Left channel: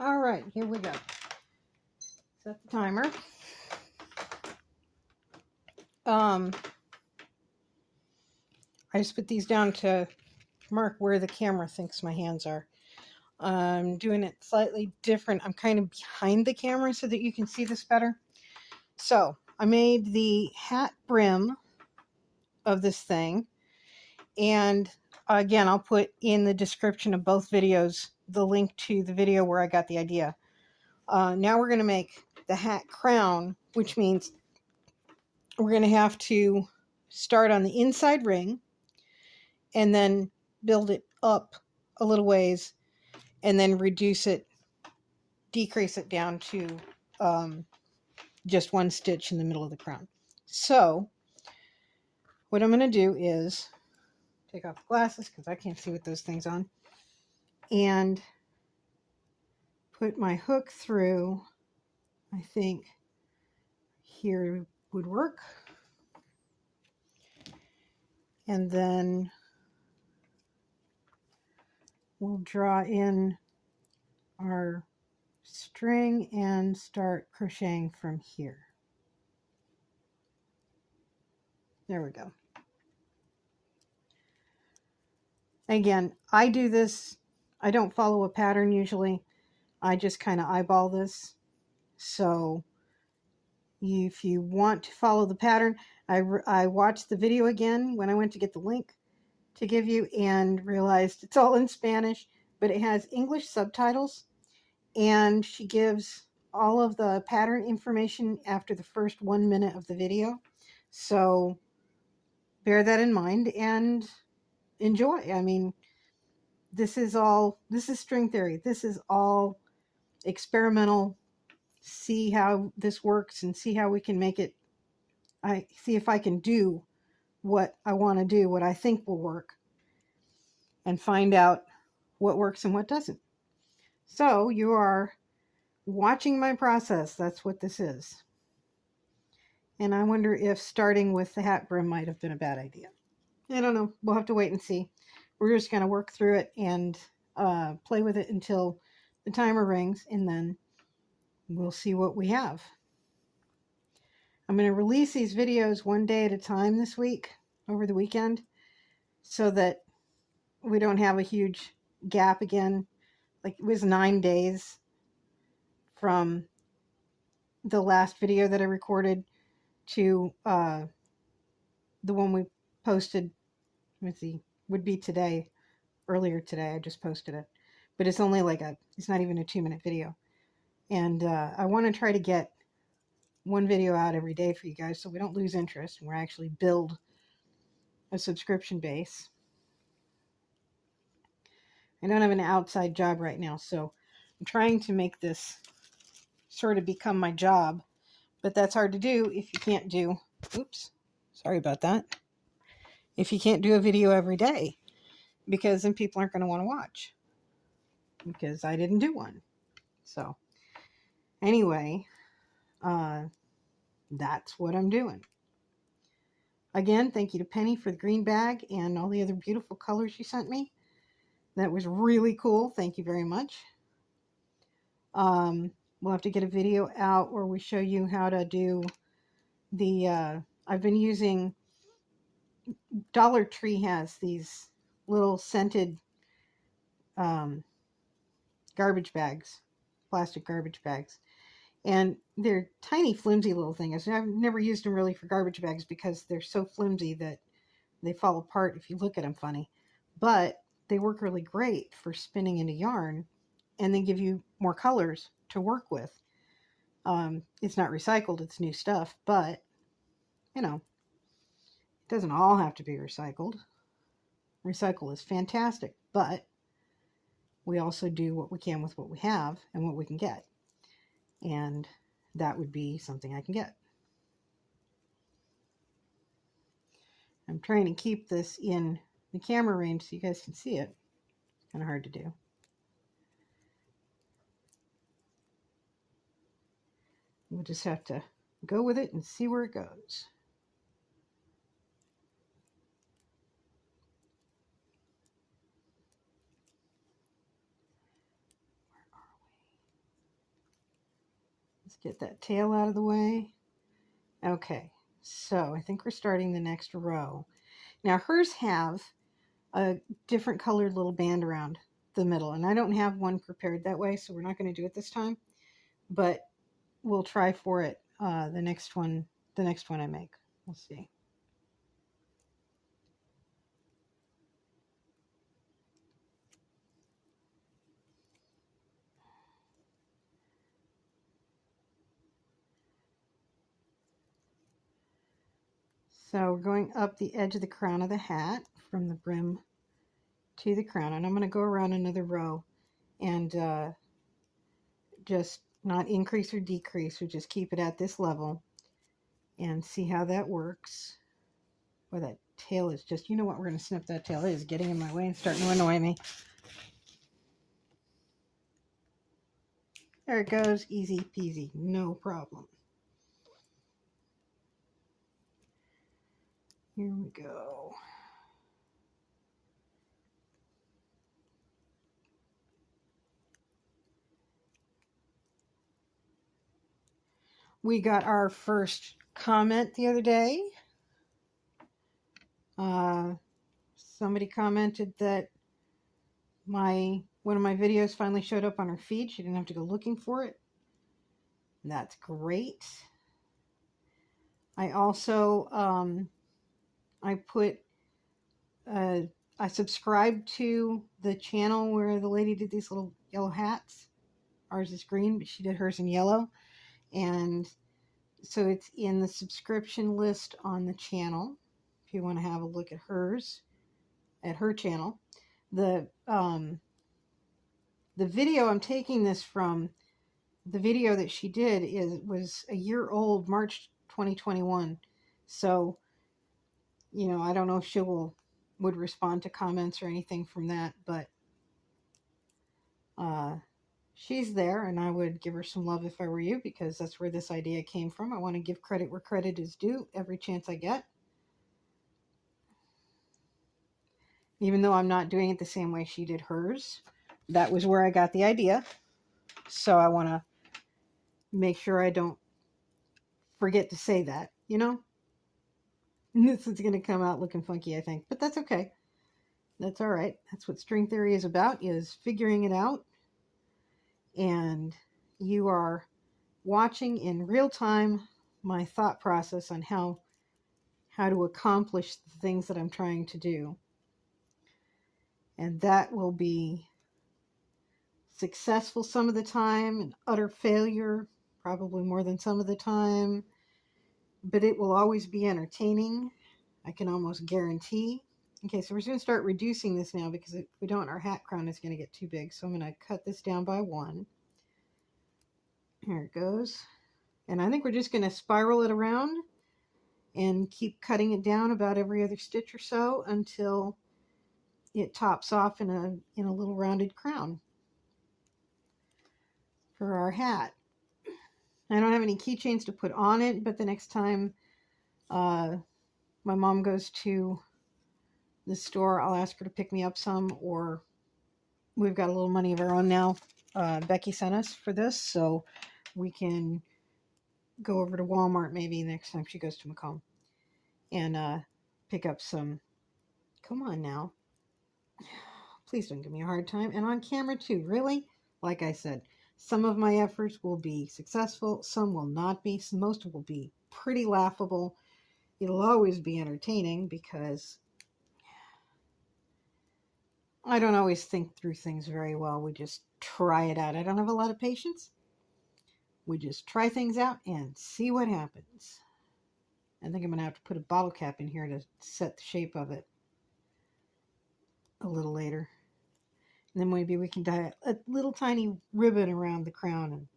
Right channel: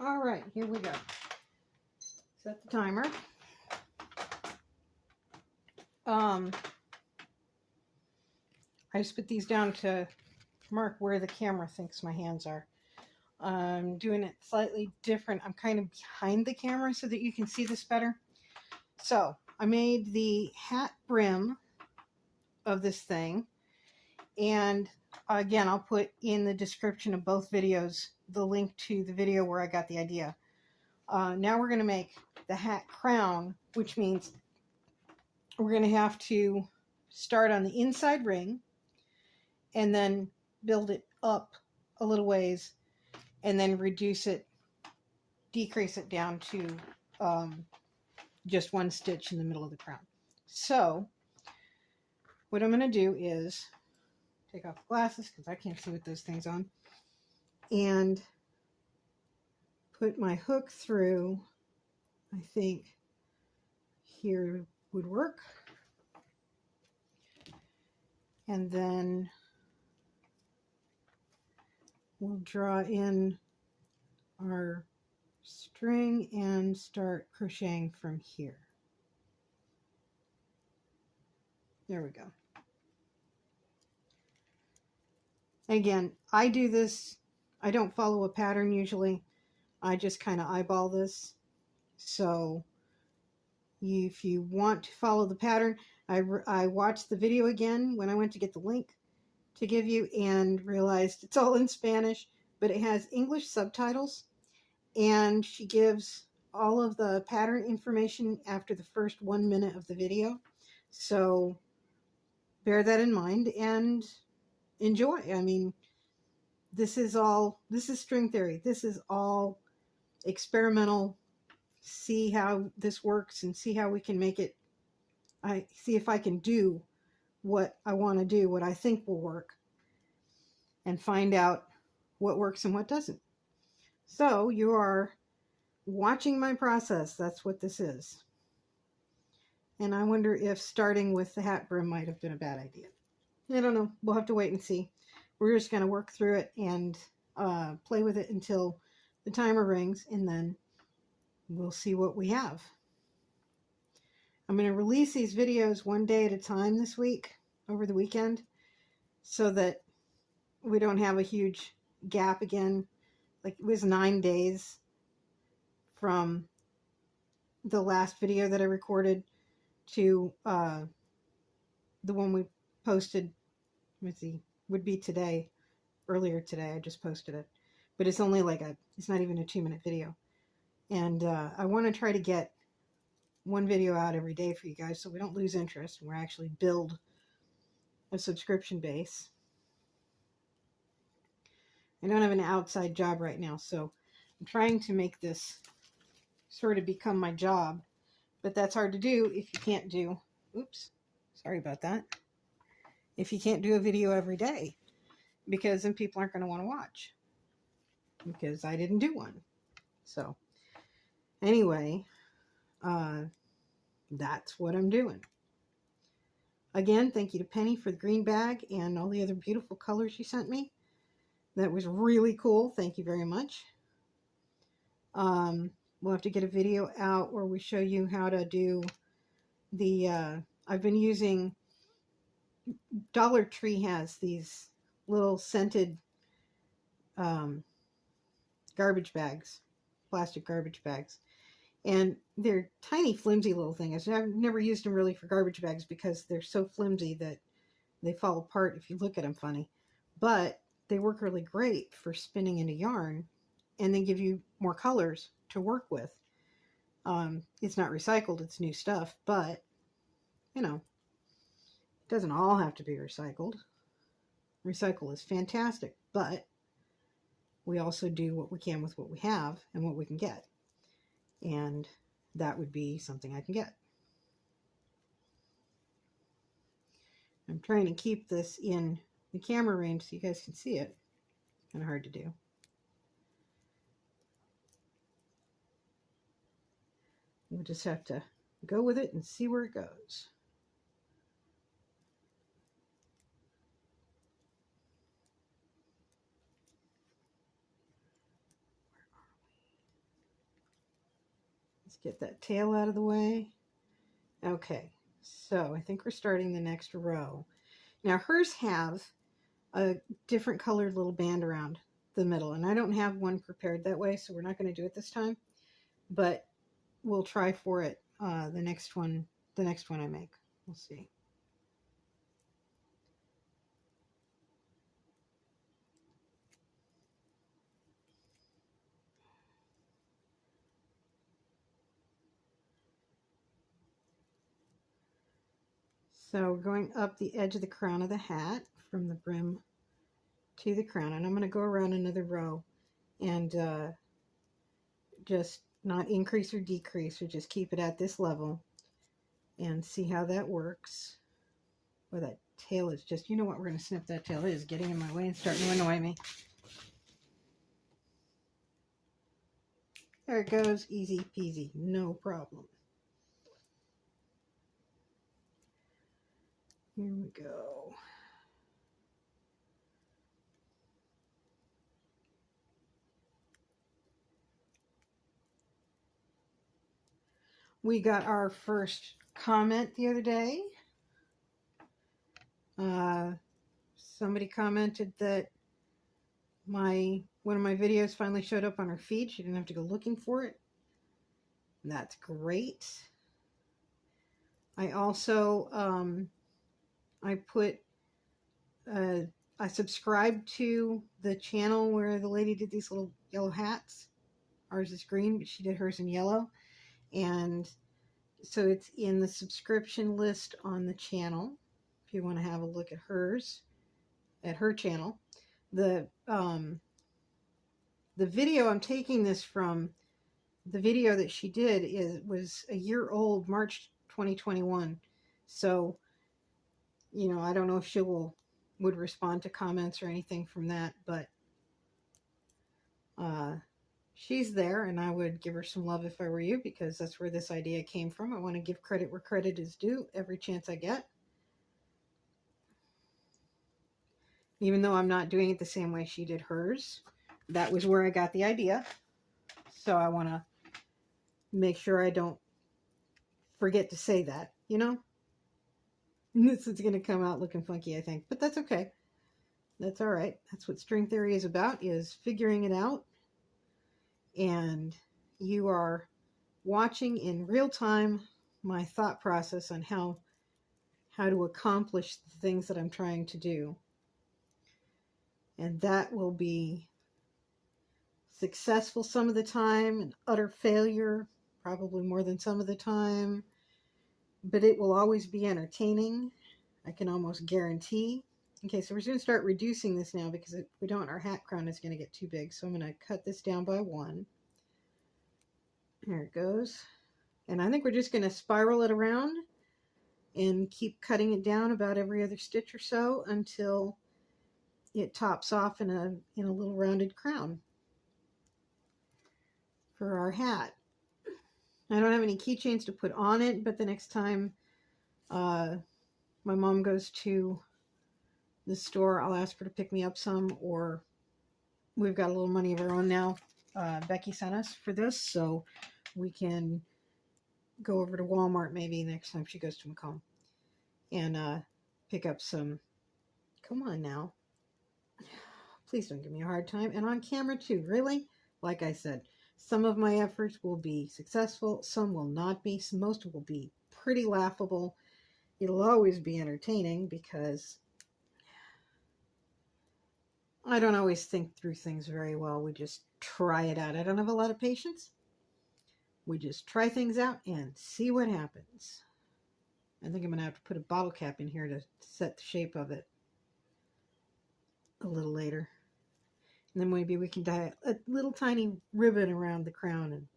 All right, here we go. Set the timer. I just put these down to mark where the camera thinks my hands are. I'm doing it slightly different. I'm kind of behind the camera so that you can see this better. So I made the hat brim of this thing. And again, I'll put in the description of both videos the link to the video where I got the idea. Now we're going to make the hat crown, which means we're going to have to start on the inside ring and then build it up a little ways and then reduce it, decrease it down to just one stitch in the middle of the crown. So what I'm going to do is take off the glasses because I can't see with those things on, and put my hook through. I think here would work. And then we'll draw in our string and start crocheting from here. There we go. Again, I do this, I don't follow a pattern usually. I just kind of eyeball this. So if you want to follow the pattern, I watched the video again when I went to get the link to give you and realized it's all in Spanish, but it has English subtitles, and she gives all of the pattern information after the first 1 minute of the video. So bear that in mind and enjoy. I mean, this is string theory. This is all experimental. See how this works and see how we can make it. I see if I can do what I want to do, what I think will work, and find out what works and what doesn't. So you are watching my process. That's what this is. And I wonder if starting with the hat brim might have been a bad idea. I don't know. We'll have to wait and see. We're just going to work through it and play with it until the timer rings, and then we'll see what we have. I'm going to release these videos one day at a time this week, over the weekend, so that we don't have a huge gap again. Like, it was 9 days from the last video that I recorded to the one we posted. Let's see, would be today, earlier today. I just posted it, but it's only like it's not even a 2-minute video. And I want to try to get one video out every day for you guys so we don't lose interest and we're actually build a subscription base. I don't have an outside job right now, so I'm trying to make this sort of become my job, but that's hard to do if you can't do, oops, sorry about that, if you can't do a video every day, because then people aren't going to want to watch, because I didn't do one. So anyway, that's what I'm doing. Again, thank you to Penny for the green bag and all the other beautiful colors she sent me. That was really cool. Thank you very much. We'll have to get a video out where we show you how to do the, I've been using, Dollar Tree has these little scented garbage bags, plastic garbage bags. And they're tiny, flimsy little things. I've never used them really for garbage bags because they're so flimsy that they fall apart if you look at them funny. But they work really great for spinning into yarn and then give you more colors to work with. It's not recycled, it's new stuff, but, you know, it doesn't all have to be recycled. Recycle is fantastic, but we also do what we can with what we have and what we can get. And that would be something I can get. I'm trying to keep this in the camera range so you guys can see it. Kind of hard to do. We'll just have to go with it and see where it goes. Let's get that tail out of the way. Okay, so I think we're starting the next row. Now hers have a different colored little band around the middle, and I don't have one prepared that way, so we're not going to do it this time, but we'll try for it the next one I make. We'll see. So we're going up the edge of the crown of the hat from the brim to the crown, and I'm going to go around another row and just not increase or decrease, or just keep it at this level and see how that works. Well, that tail is just, you know what, we're going to snip that tail. It is getting in my way and starting to annoy me. There it goes, easy peasy, no problem. Here we go. We got our first comment the other day. Somebody commented that one of my videos finally showed up on her feed. She didn't have to go looking for it. That's great. I also I subscribed to the channel where the lady did these little yellow hats. Ours is green, but she did hers in yellow. And so it's in the subscription list on the channel if you want to have a look at hers, at her channel. The video I'm taking this from, the video that she did was a year old, March 2021. So, you know, I don't know if she would respond to comments or anything from that, but she's there, and I would give her some love if I were you, because that's where this idea came from. I want to give credit where credit is due every chance I get. Even though I'm not doing it the same way she did hers, that was where I got the idea. So I want to make sure I don't forget to say that, you know? This is going to come out looking funky, I think, but that's okay. That's all right. That's what string theory is about, is figuring it out. And you are watching in real time my thought process on how to accomplish the things that I'm trying to do. And that will be successful some of the time and utter failure probably more than some of the time, but it will always be entertaining. I can almost guarantee. Okay, so we're going to start reducing this now, because if we don't, our hat crown is going to get too big. So I'm going to cut this down by 1. Here it goes. And I think we're just going to spiral it around and keep cutting it down about every other stitch or so until it tops off in a little rounded crown for our hat. I don't have any keychains to put on it, but the next time my mom goes to the store, I'll ask her to pick me up some, or we've got a little money of our own now. Becky sent us for this, so we can go over to Walmart maybe next time she goes to Macomb and pick up some. Come on now. Please don't give me a hard time. And on camera too, really? Like I said, some of my efforts will be successful, some will not be. Most will be pretty laughable. It'll always be entertaining, because I don't always think through things very well. We just try it out. I don't have a lot of patience. We just try things out and see what happens. I think I'm going to have to put a bottle cap in here to set the shape of it a little later. And then maybe we can dye a little tiny ribbon around the crown.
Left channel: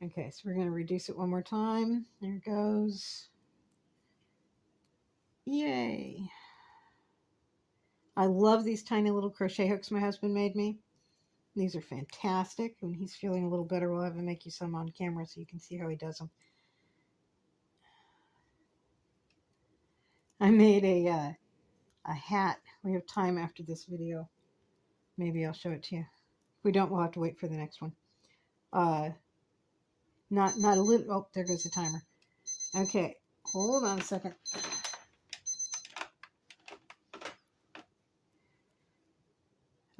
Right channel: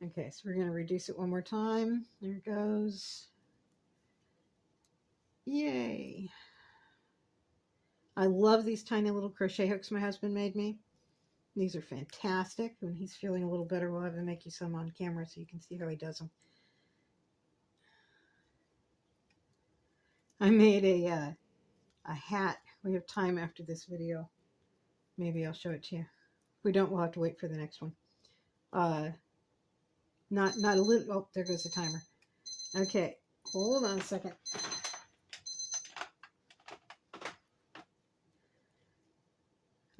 And okay, so we're going to reduce it one more time. There it goes. Yay. I love these tiny little crochet hooks my husband made me. These are fantastic. When he's feeling a little better, we'll have him make you some on camera so you can see how he does them. I made a hat. We have time after this video. Maybe I'll show it to you. If we don't, we'll have to wait for the next one. Not a little. Oh, there goes the timer. Okay, hold on a second.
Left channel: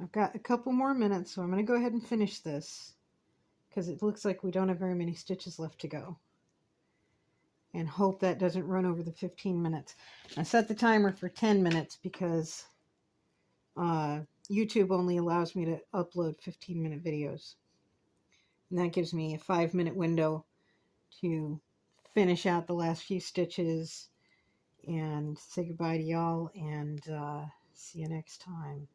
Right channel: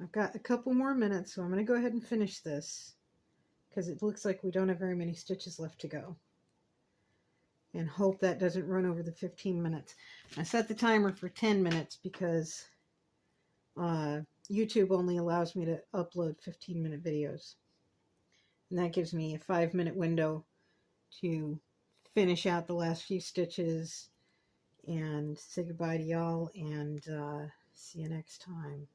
I've got a couple more minutes, so I'm going to go ahead and finish this because it looks like we don't have very many stitches left to go. And hope that doesn't run over the 15 minutes. I set the timer for 10 minutes because YouTube only allows me to upload 15-minute videos. And that gives me a 5-minute window to finish out the last few stitches and say goodbye to y'all and see you next time.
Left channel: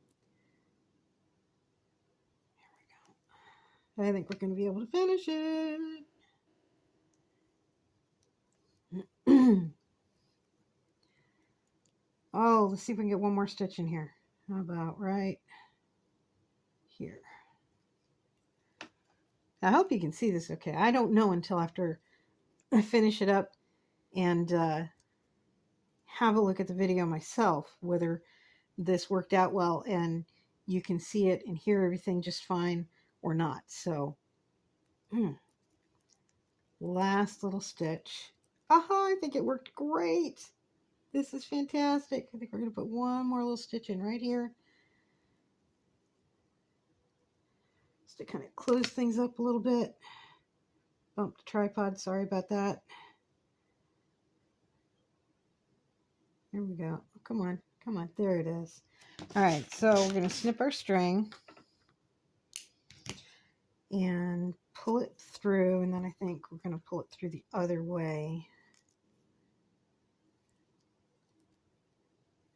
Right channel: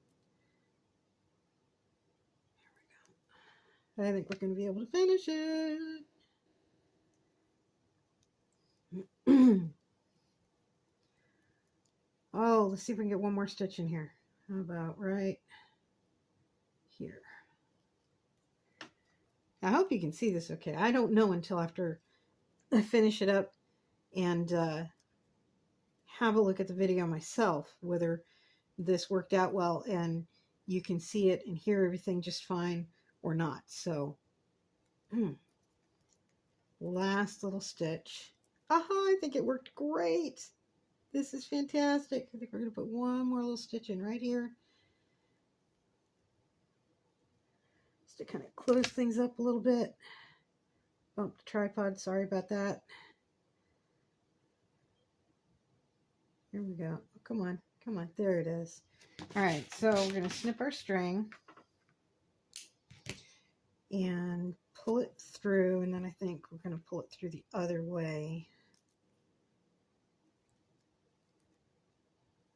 There we go. I think we're going to be able to finish it. Oh, let's see if we can get one more stitch in here. How about right here? I hope you can see this okay. I don't know until after I finish it up and have a look at the video myself whether this worked out well and you can see it and hear everything just fine or not. So last little stitch. Aha, I think it worked great. This is fantastic. I think we're going to put one more little stitch in right here just to kind of close things up a little bit. Bumped the tripod, sorry about that. Here we go. Come on, come on. There it is. All right, so we're going to snip our string and pull it through, and then I think we're going to pull it through the other way.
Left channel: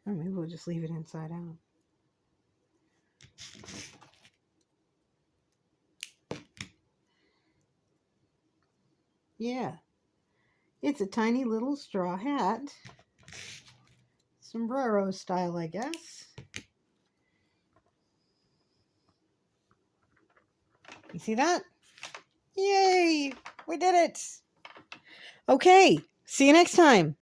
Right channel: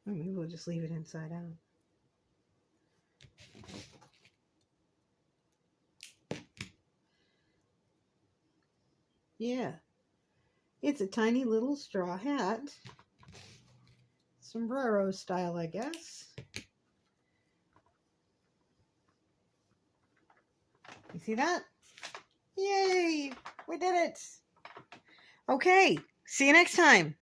Or maybe we'll just leave it inside out. Yeah, it's a tiny little straw hat. Sombrero style, I guess. You see that? Yay! We did it! Okay, see you next time.